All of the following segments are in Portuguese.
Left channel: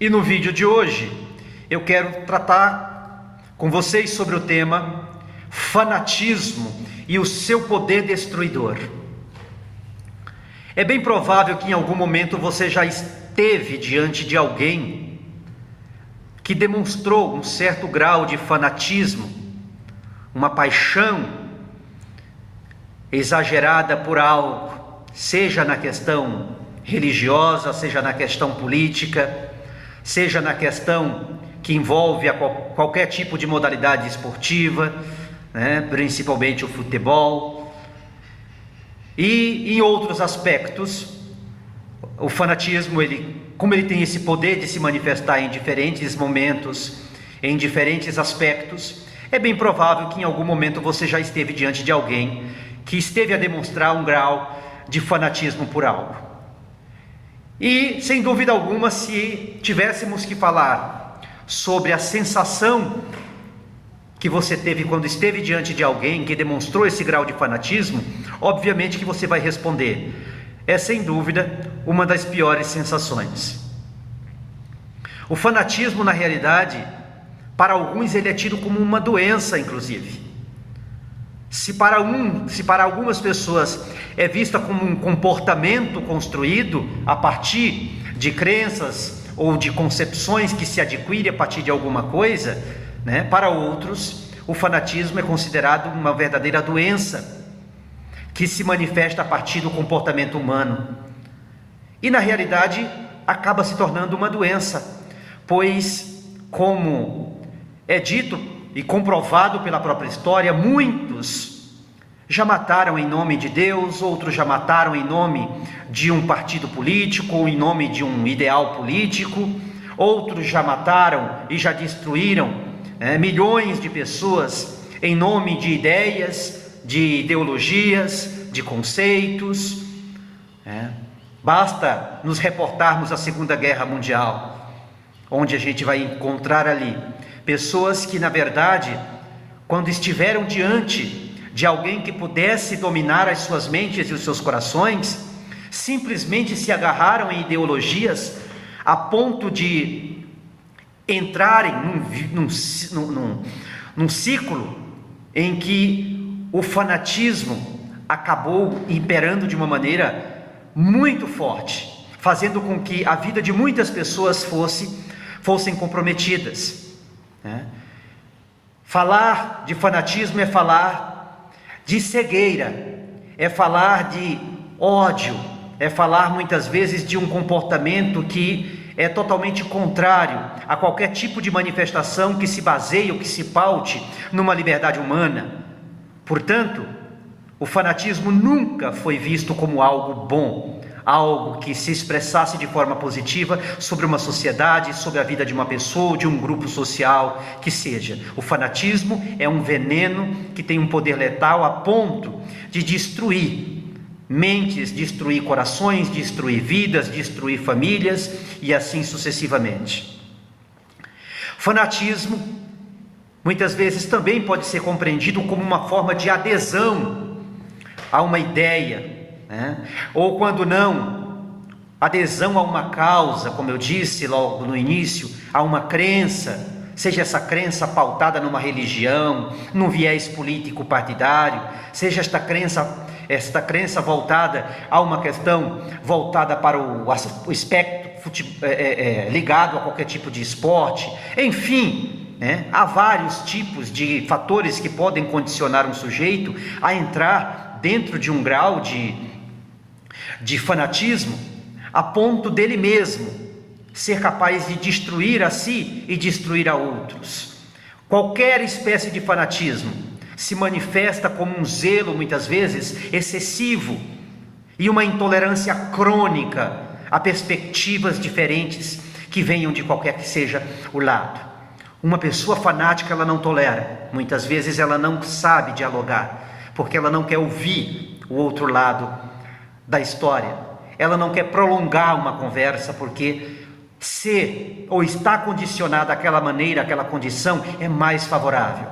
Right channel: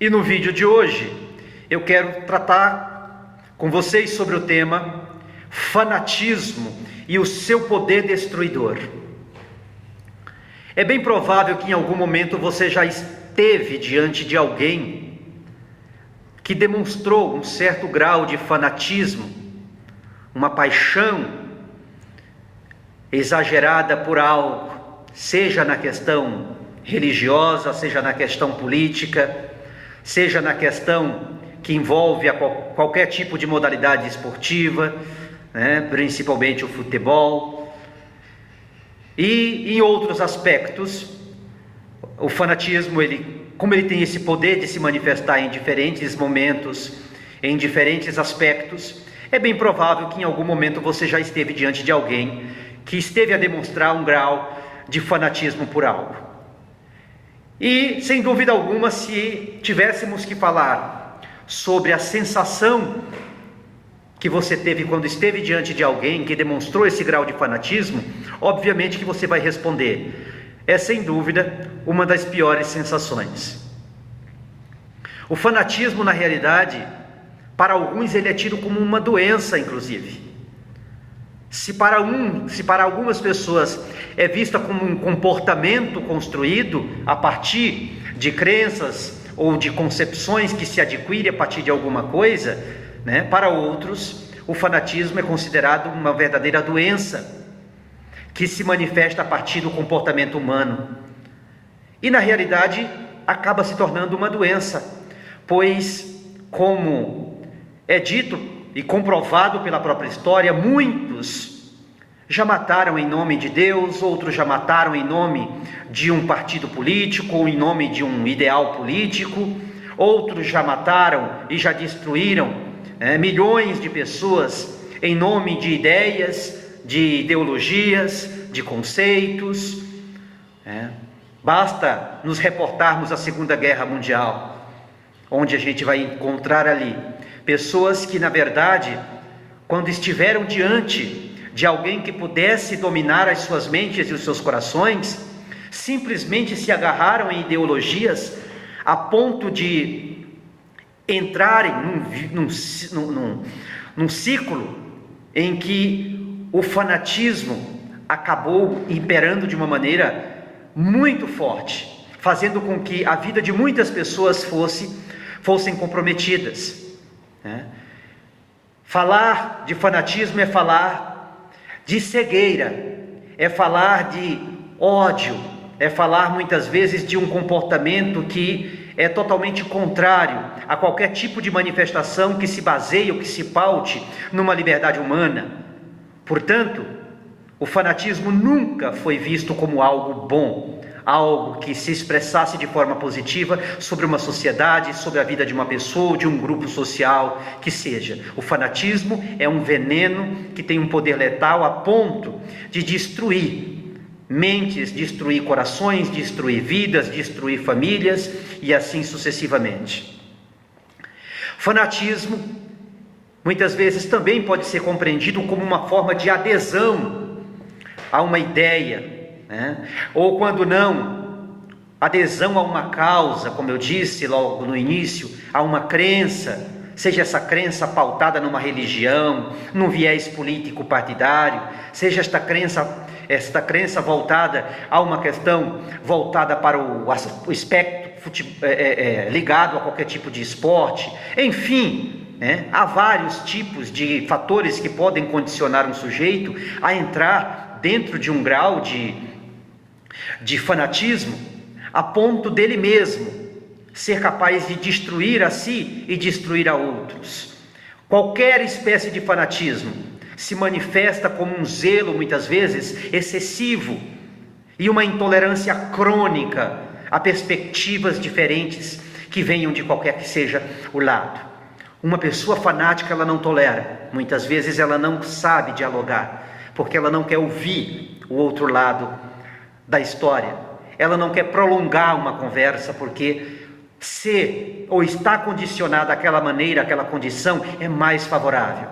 E no vídeo de hoje eu quero tratar com vocês sobre o tema fanatismo e o seu poder destruidor. É bem provável que em algum momento você já esteve diante de alguém que demonstrou um certo grau de fanatismo, uma paixão exagerada por algo, seja na questão religiosa, seja na questão política, seja na questão que envolve qualquer tipo de modalidade esportiva, principalmente o futebol, e em outros aspectos. O fanatismo, como ele tem esse poder de se manifestar em diferentes momentos, em diferentes aspectos, é bem provável que em algum momento você já esteve diante de alguém que esteve a demonstrar um grau de fanatismo por algo. E, sem dúvida alguma, se tivéssemos que falar sobre a sensação que você teve quando esteve diante de alguém que demonstrou esse grau de fanatismo, obviamente que você vai responder: é sem dúvida uma das piores sensações. O fanatismo, na realidade, para alguns ele é tido como uma doença, inclusive. Se para algumas pessoas é vista como um comportamento construído a partir de crenças ou de concepções que se adquire a partir de alguma coisa, para outros o fanatismo é considerado uma verdadeira doença que se manifesta a partir do comportamento humano. E na realidade acaba se tornando uma doença, pois, como é dito e comprovado pela própria história, muitos já mataram em nome de Deus, outros já mataram em nome de um partido político ou em nome de um ideal político, outros já mataram e já destruíram milhões de pessoas em nome de ideias, de ideologias, de conceitos. Basta nos reportarmos à Segunda Guerra Mundial, onde a gente vai encontrar ali pessoas que, na verdade, quando estiveram diante de alguém que pudesse dominar as suas mentes e os seus corações, simplesmente se agarraram em ideologias a ponto de entrarem num ciclo em que o fanatismo acabou imperando de uma maneira muito forte, fazendo com que a vida de muitas pessoas fossem comprometidas. Falar de fanatismo é falar de cegueira, é falar de ódio, é falar muitas vezes de um comportamento que é totalmente contrário a qualquer tipo de manifestação que se baseie ou que se paute numa liberdade humana. Portanto, o fanatismo nunca foi visto como algo bom, algo que se expressasse de forma positiva sobre uma sociedade, sobre a vida de uma pessoa, de um grupo social, que seja. O fanatismo é um veneno que tem um poder letal a ponto de destruir mentes, destruir corações, destruir vidas, destruir famílias e assim sucessivamente. Fanatismo, muitas vezes, também pode ser compreendido como uma forma de adesão a uma ideia, ou quando não, adesão a uma causa, como eu disse logo no início, a uma crença, seja essa crença pautada numa religião, num viés político partidário, seja esta crença voltada a uma questão voltada para o espectro ligado a qualquer tipo de esporte, enfim, há vários tipos de fatores que podem condicionar um sujeito a entrar dentro de um grau de fanatismo, a ponto dele mesmo ser capaz de destruir a si e destruir a outros. Qualquer espécie de fanatismo se manifesta como um zelo, muitas vezes, excessivo e uma intolerância crônica a perspectivas diferentes que venham de qualquer que seja o lado. Uma pessoa fanática, ela não tolera. Muitas vezes ela não sabe dialogar, porque ela não quer ouvir o outro lado da história. Ela não quer prolongar uma conversa, porque ou está condicionada àquela maneira, àquela condição, é mais favorável.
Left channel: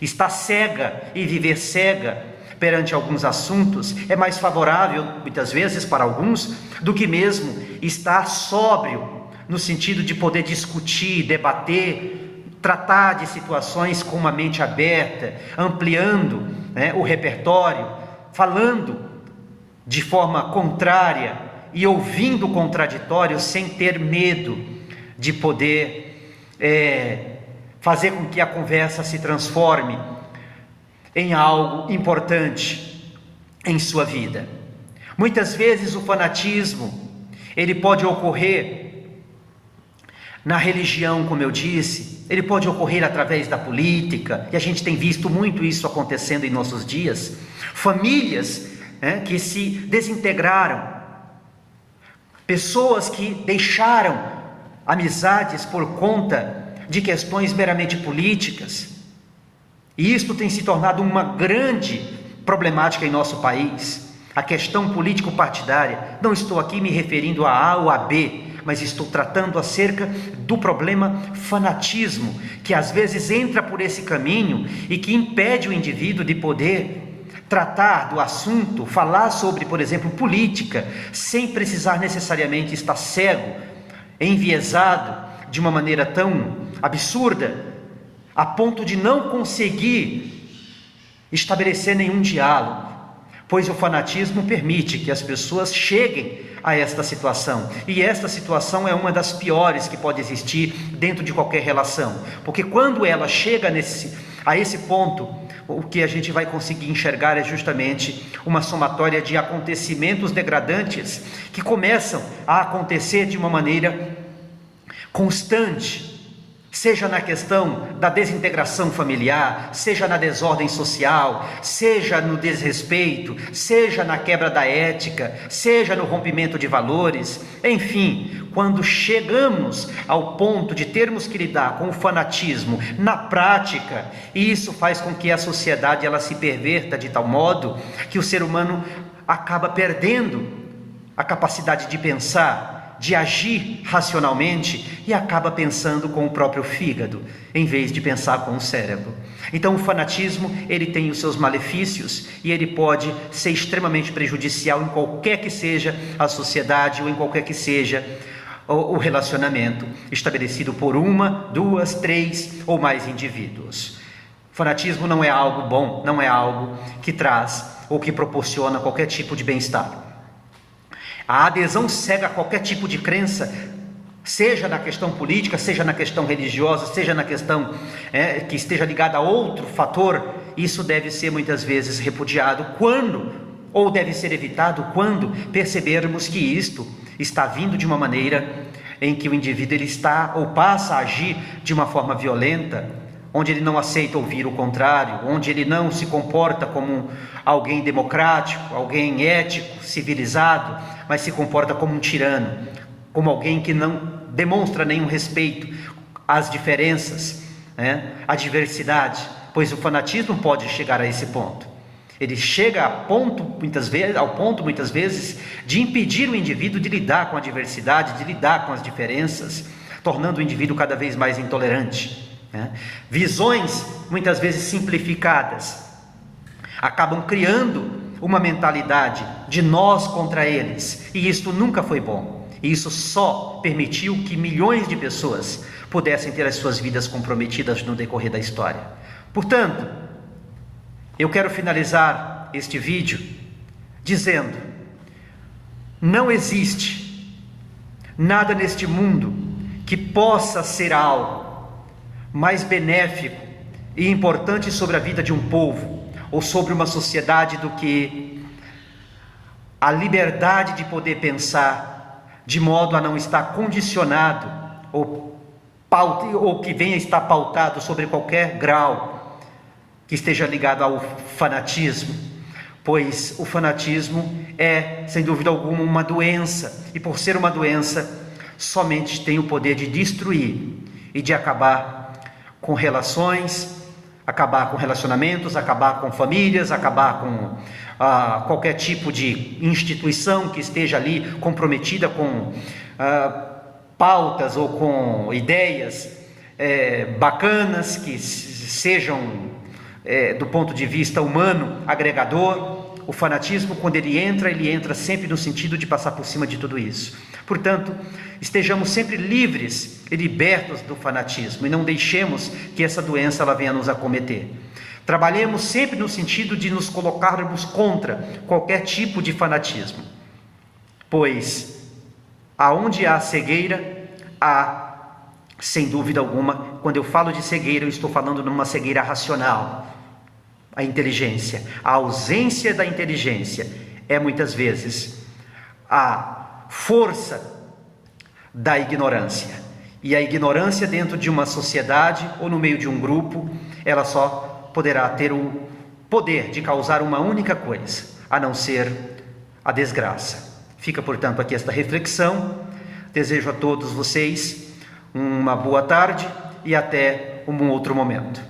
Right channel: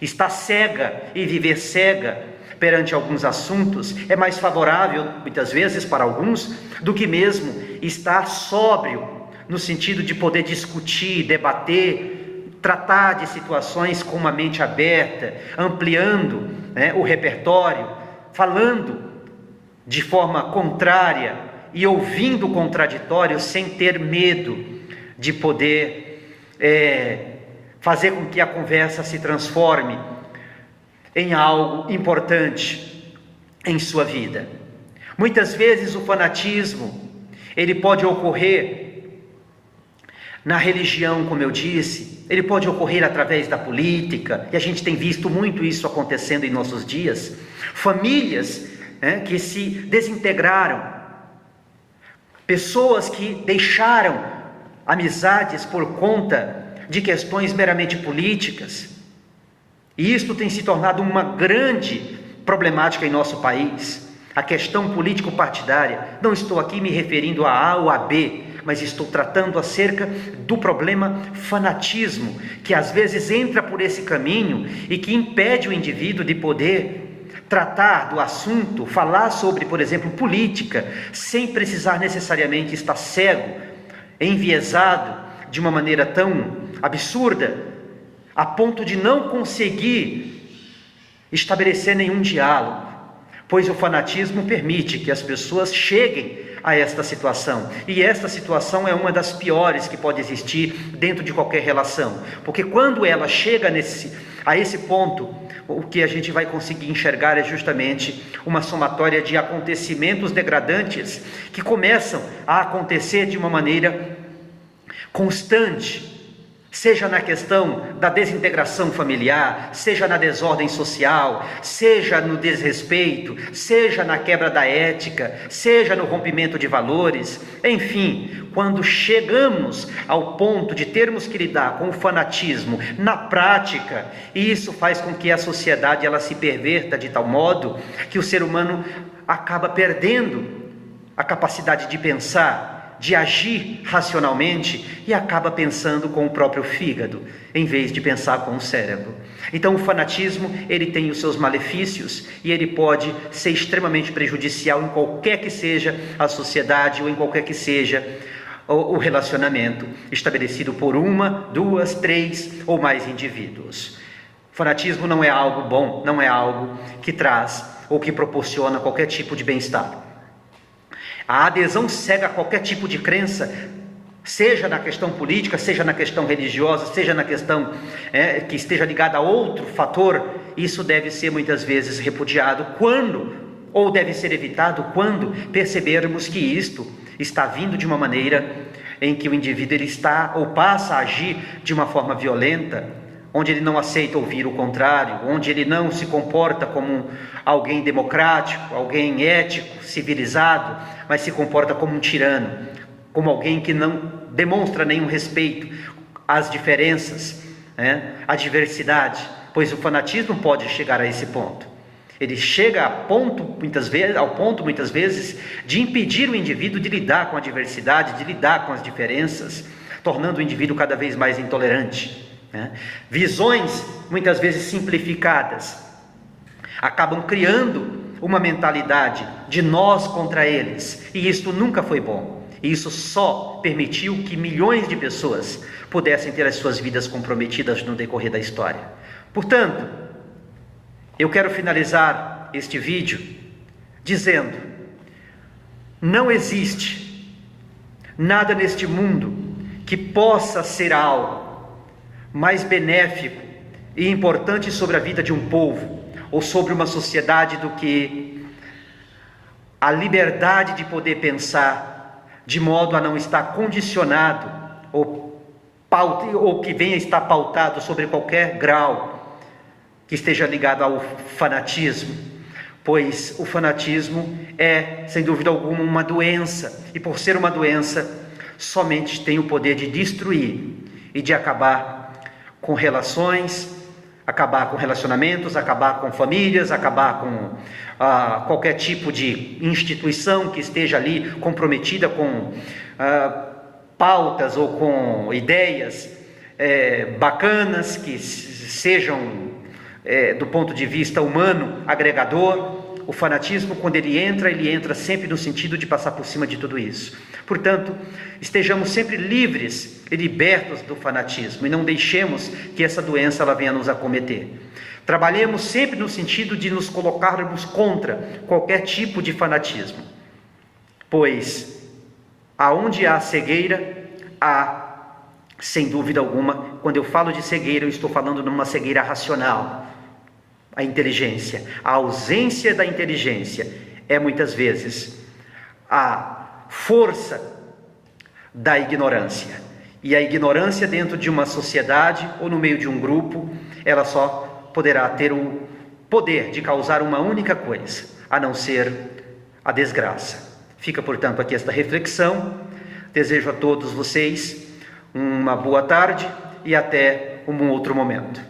Está cega, e viver cega perante alguns assuntos é mais favorável, muitas vezes, para alguns, do que mesmo estar sóbrio no sentido de poder discutir, debater, tratar de situações com uma mente aberta, ampliando, né, o repertório, falando de forma contrária e ouvindo o contraditório sem ter medo de poder fazer com que a conversa se transforme em algo importante em sua vida. Muitas vezes o fanatismo, ele pode ocorrer na religião, como eu disse, ele pode ocorrer através da política, e a gente tem visto muito isso acontecendo em nossos dias. Famílias, né, que se desintegraram, pessoas que deixaram amizades por conta de questões meramente políticas, e isto tem se tornado uma grande problemática em nosso país, a questão político-partidária. Não estou aqui me referindo a A ou a B, mas estou tratando acerca do problema fanatismo, que às vezes entra por esse caminho e que impede o indivíduo de poder tratar do assunto, falar sobre, por exemplo, política, sem precisar necessariamente estar cego, enviesado de uma maneira tão absurda, a ponto de não conseguir estabelecer nenhum diálogo, pois o fanatismo permite que as pessoas cheguem a esta situação, e esta situação é uma das piores que pode existir dentro de qualquer relação, porque quando ela chega a esse ponto, o que a gente vai conseguir enxergar é justamente uma somatória de acontecimentos degradantes que começam a acontecer de uma maneira constante, seja na questão da desintegração familiar, seja na desordem social, seja no desrespeito, seja na quebra da ética, seja no rompimento de valores, enfim, quando chegamos ao ponto de termos que lidar com o fanatismo na prática, isso faz com que a sociedade ela se perverta de tal modo que o ser humano acaba perdendo a capacidade de pensar, de agir racionalmente, e acaba pensando com o próprio fígado, em vez de pensar com o cérebro. Então o fanatismo, ele tem os seus malefícios, e ele pode ser extremamente prejudicial em qualquer que seja a sociedade, ou em qualquer que seja o relacionamento estabelecido por uma, duas, três ou mais indivíduos. Fanatismo não é algo bom, não é algo que traz ou que proporciona qualquer tipo de bem-estar. A adesão cega a qualquer tipo de crença, seja na questão política, seja na questão religiosa, seja na questão que esteja ligada a outro fator, isso deve ser muitas vezes repudiado ou deve ser evitado quando percebermos que isto está vindo de uma maneira em que o indivíduo ele está ou passa a agir de uma forma violenta, onde ele não aceita ouvir o contrário, onde ele não se comporta como alguém democrático, alguém ético, civilizado, mas se comporta como um tirano, como alguém que não demonstra nenhum respeito às diferenças, à diversidade, pois o fanatismo pode chegar a esse ponto. Ele chega ao ponto muitas vezes de impedir o indivíduo de lidar com a diversidade, de lidar com as diferenças, tornando o indivíduo cada vez mais intolerante. Visões muitas vezes simplificadas acabam criando uma mentalidade de nós contra eles, e isso nunca foi bom. Isso só permitiu que milhões de pessoas pudessem ter as suas vidas comprometidas no decorrer da história. Portanto, eu quero finalizar este vídeo dizendo: não existe nada neste mundo que possa ser algo mais benéfico e importante sobre a vida de um povo ou sobre uma sociedade do que a liberdade de poder pensar de modo a não estar condicionado ou que venha estar pautado sobre qualquer grau que esteja ligado ao fanatismo, pois o fanatismo é, sem dúvida alguma, uma doença, e por ser uma doença, somente tem o poder de destruir e de acabar com relações, acabar com relacionamentos, acabar com famílias, acabar com qualquer tipo de instituição que esteja ali comprometida com pautas ou com ideias bacanas, que sejam, do ponto de vista humano, agregador. o fanatismo, quando ele entra sempre no sentido de passar por cima de tudo isso. Portanto, estejamos sempre livres e libertos do fanatismo e não deixemos que essa doença ela venha nos acometer. Trabalhemos sempre no sentido de nos colocarmos contra qualquer tipo de fanatismo, pois aonde há cegueira, há, sem dúvida alguma, quando eu falo de cegueira, eu estou falando numa cegueira racional. A inteligência, a ausência da inteligência é muitas vezes a força da ignorância. E a ignorância dentro de uma sociedade ou no meio de um grupo, ela só poderá ter o poder de causar uma única coisa, a não ser a desgraça. Fica, portanto, aqui esta reflexão. Desejo a todos vocês uma boa tarde e até um outro momento.